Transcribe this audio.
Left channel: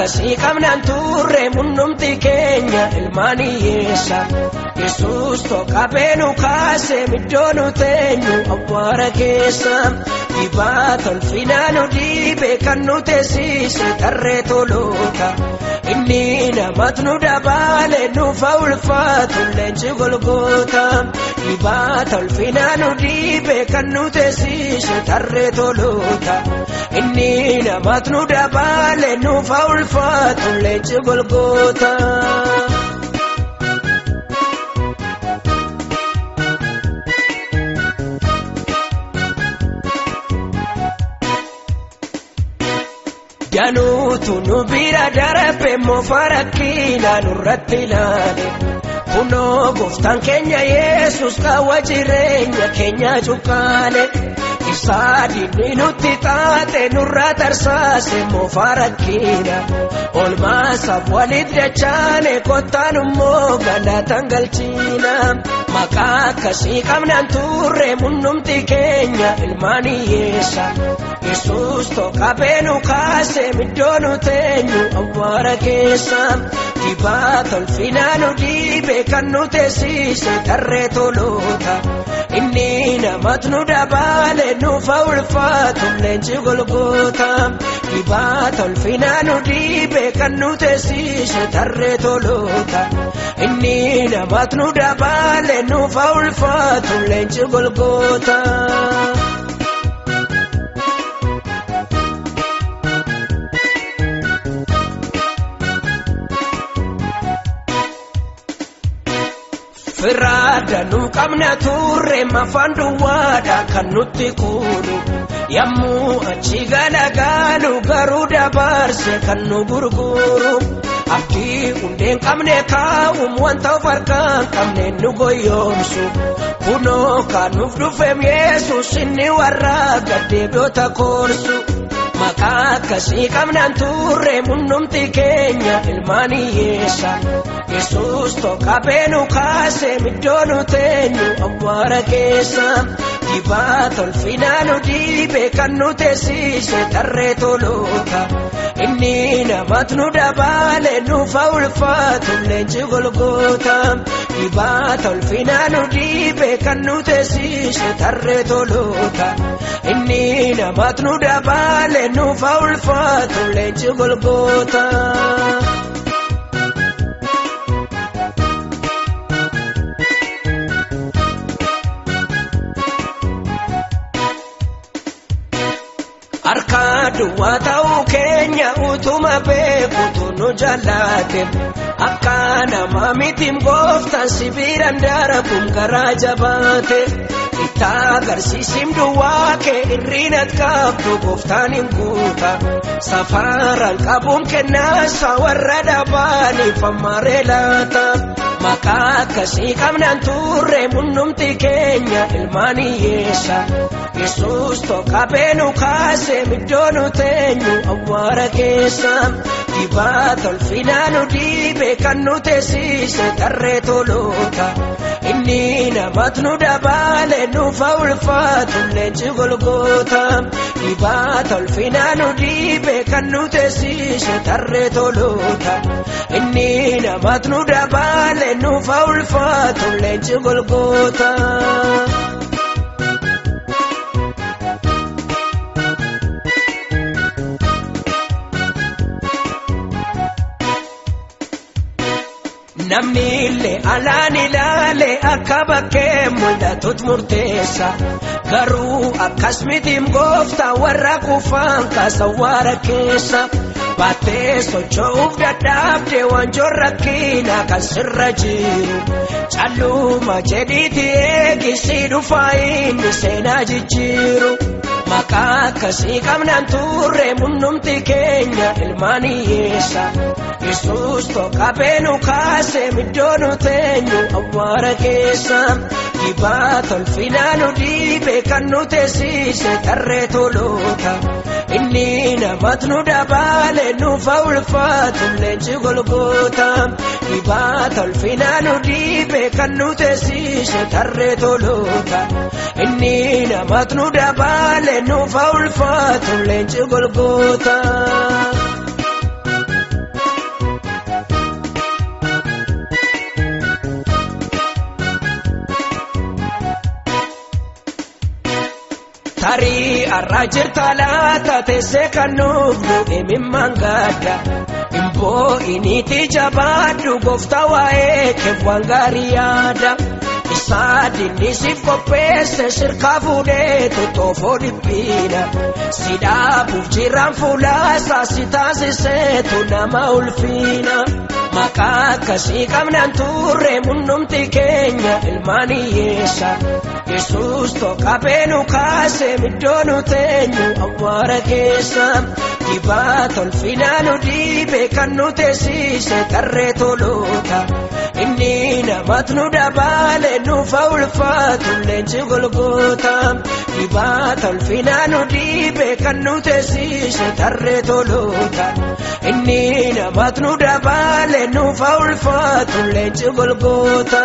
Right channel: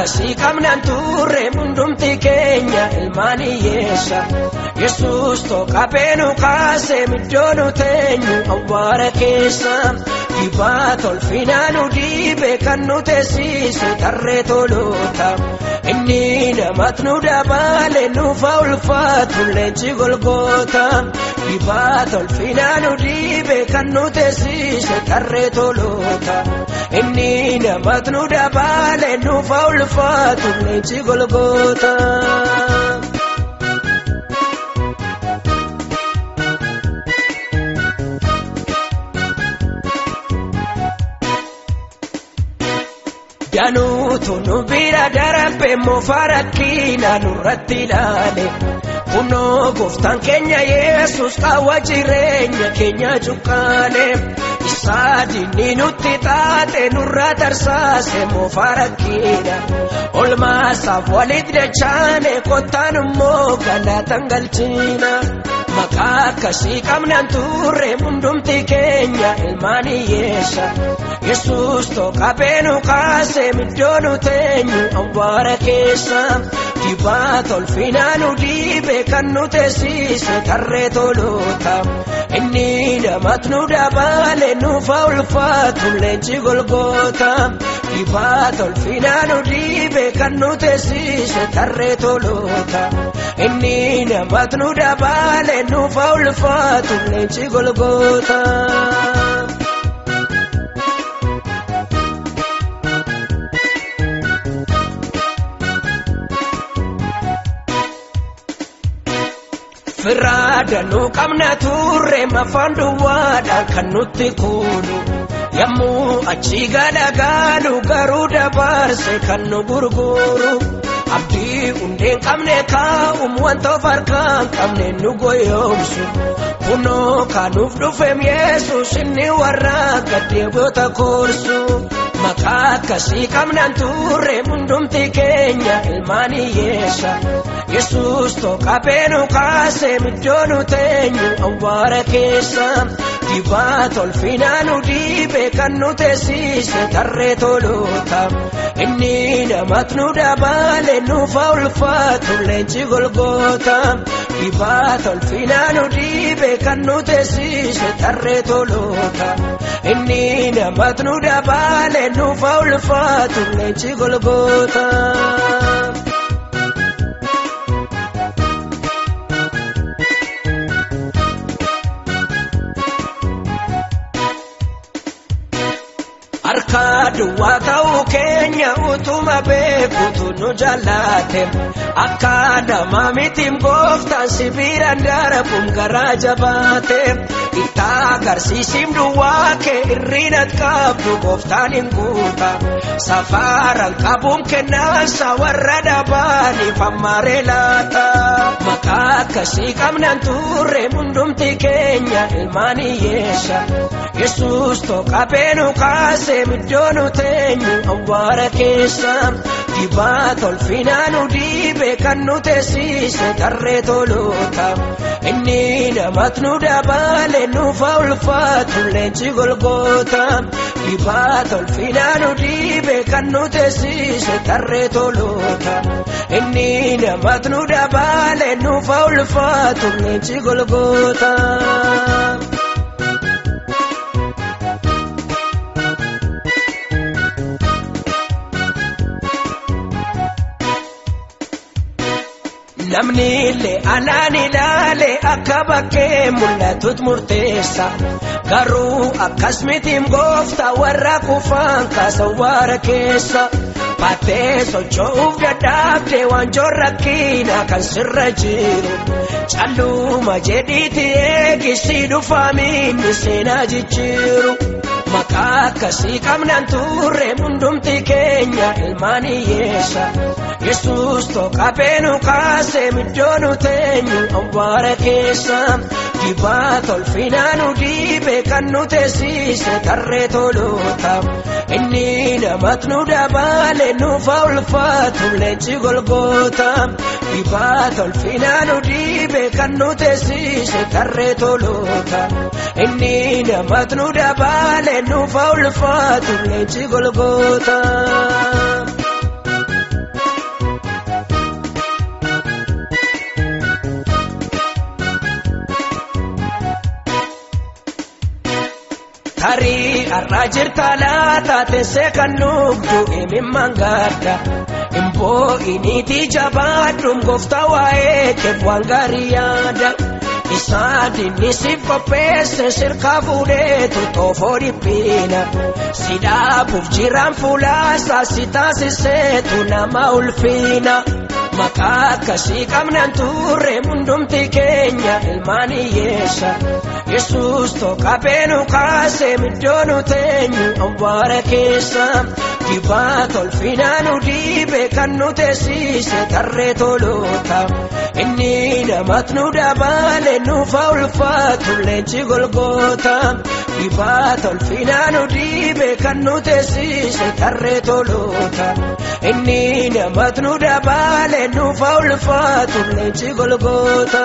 akkasii qabnaan turre hundumti keenya ilmaan hiyyeessa. Yesuus tokkabee nu kaasee middoo nu teenyu awwaara keessa. Dibaata ulfinaa nu dhiibee kan nu teessise tarree toloota. Inni namatti nu dabalee nuufa ulfaatu leenji Golgoota. Dibaata ulfinaa nu dhiibee kan nu teessise tarree toloota. Inni namatti nu dabalee nuufa ulfaatu leenji Golgoota. Yanuutu nu bira darbe moofarakkiina nurratti ilaale. Kunoo gooftaan keenya Yesuus qaawwa jireenya keenya cuqqaale. Saadinni nutti taate nurra tarsaase moofarakkiina. Olmaasaaf walitti achaane kottaan immoo galatan galchina. Maqaa akkasii qabnaan turre hundumti keenya ilmaan hiyyeessa. Yesuus tokkabee nu kaasee middoo nu teenyu awwaara keessa. Dibaata ulfinaa nu dhiibee kan nu teessise tarree toloota. Inni namatti nu dabalee nuufa ulfaatu leenji Golgoota. Dibaata ulfinaa nu dhiibee kan nu teessise tarree toloota. Inni namatti nu dabalee nuufa ulfaatu leenji Golgoota. Firraada nu qabna turre mafaan duwwaadhaan kan nutti kuunu. Yommuu achi galagalu garuu dabarse kan nu gurguru. Abdii hundeen qabne kaa'uun wanta of harkaan qabne nu goyoomsu. Kunoo kan nuuf dhufeem Yesuus inni warra gaddeebi'oota koorsu. Maqaa akkasii qabnaan turre hundumti keenya ilmaan hiyyeessa. Yesuus tokkabee nu kaasee middoo nu teenyu awwaara keessa. Dibaata ulfinaa nu dhiibee kan nu teessise tarree toloota. Inni namatti nu dabalee nuufa ulfaatu leenji Golgoota. Dibaata ulfinaa nu dhiibee kan nu teessise tarree toloota. Inni namatti nu dabalee nuufa ulfaatu leenji Golgoota. Harkaadhumaa ta'uu keenya utuma beekutu nu jallaate. Akka nama mitiin gooftaan sibiiraan darbuun garaa jabaate. Itti agarsiisim duwwaa kee hir'inat qabdu gooftaan hin guuta. Safaraan qabuun kennaasa warra dhabaaniif ammaaree laata. Maqaa akkasii qabnaan turre hundumti keenya ilmaan hiyyeessa. Yesuus tokkabee nu kaasee middoo nu teenyu awwaara keessa. Dibaata ulfinaa nu dhiibee kan nu teessise tarree toloota. Inni namatti nu dabalee nuufa ulfaatu leenji Golgoota. Dibaata ulfinaa nu dhiibee kan nu teessise tarree toloota. Inni namatti nu dabalee nuufa ulfaatu leenji Golgoota. Namni illee alaan ilaalee akka bakkee mul'atutti murteessa. Garuu akkas mitiin gooftaa warra kufaan kaasa awwaara keessa. Baattee socho'uuf dadhabdee wanjoon rakkinaa kan sirra jiru. Calluma jedhiitti eegisii dhufaa inni seenaa jijjiiru. Maqaa akkasii qabnaan turre hundumti keenya ilmaan hiyyeessa. Yesuus tokkabee nu kaasee middoo nu teenyu awwaara keessa. Dibaata ulfinaa nu dhiibee kan nu teessise tarree toloota. Inni namatti nu dabalee nuufa ulfaatu leenji Golgoota. Dibaata ulfinaa nu dhiibee kan nu teessise tarree toloota. Inni namatti nu dabalee nuufa ulfaatu leenji Golgoota. tarii arraa jirta laata teessee kan nuufnu himimmaan gaadha. Impoo iniitii jabaadhu gooftaa waa'ee keef waan gaarii yaada. Isaadini si qopheesse sirkaa fuudhee tottofoo dhiphiidha. Sidhaabuuf jiraan fuulaasaa si taasiseetu nama ulfiina. Maqaa akkasii qabnaan turre hundumti keenya ilmaan hiyyeessa. Yesuus tokkaphee nu kaasee middoo nu teenyu awwaara keessa. Dibaata ulfinaa nu dhiibe kan nu teessise tarree toloota. Inni namatti nu dabalee nuufa ulfaatu leenji Golgoota. Dibaata ulfinaa nu dhiibe kan nu teessise tarree toloota. Inni namatti nu dabalee nuufa ulfaatu leenji Golgoota.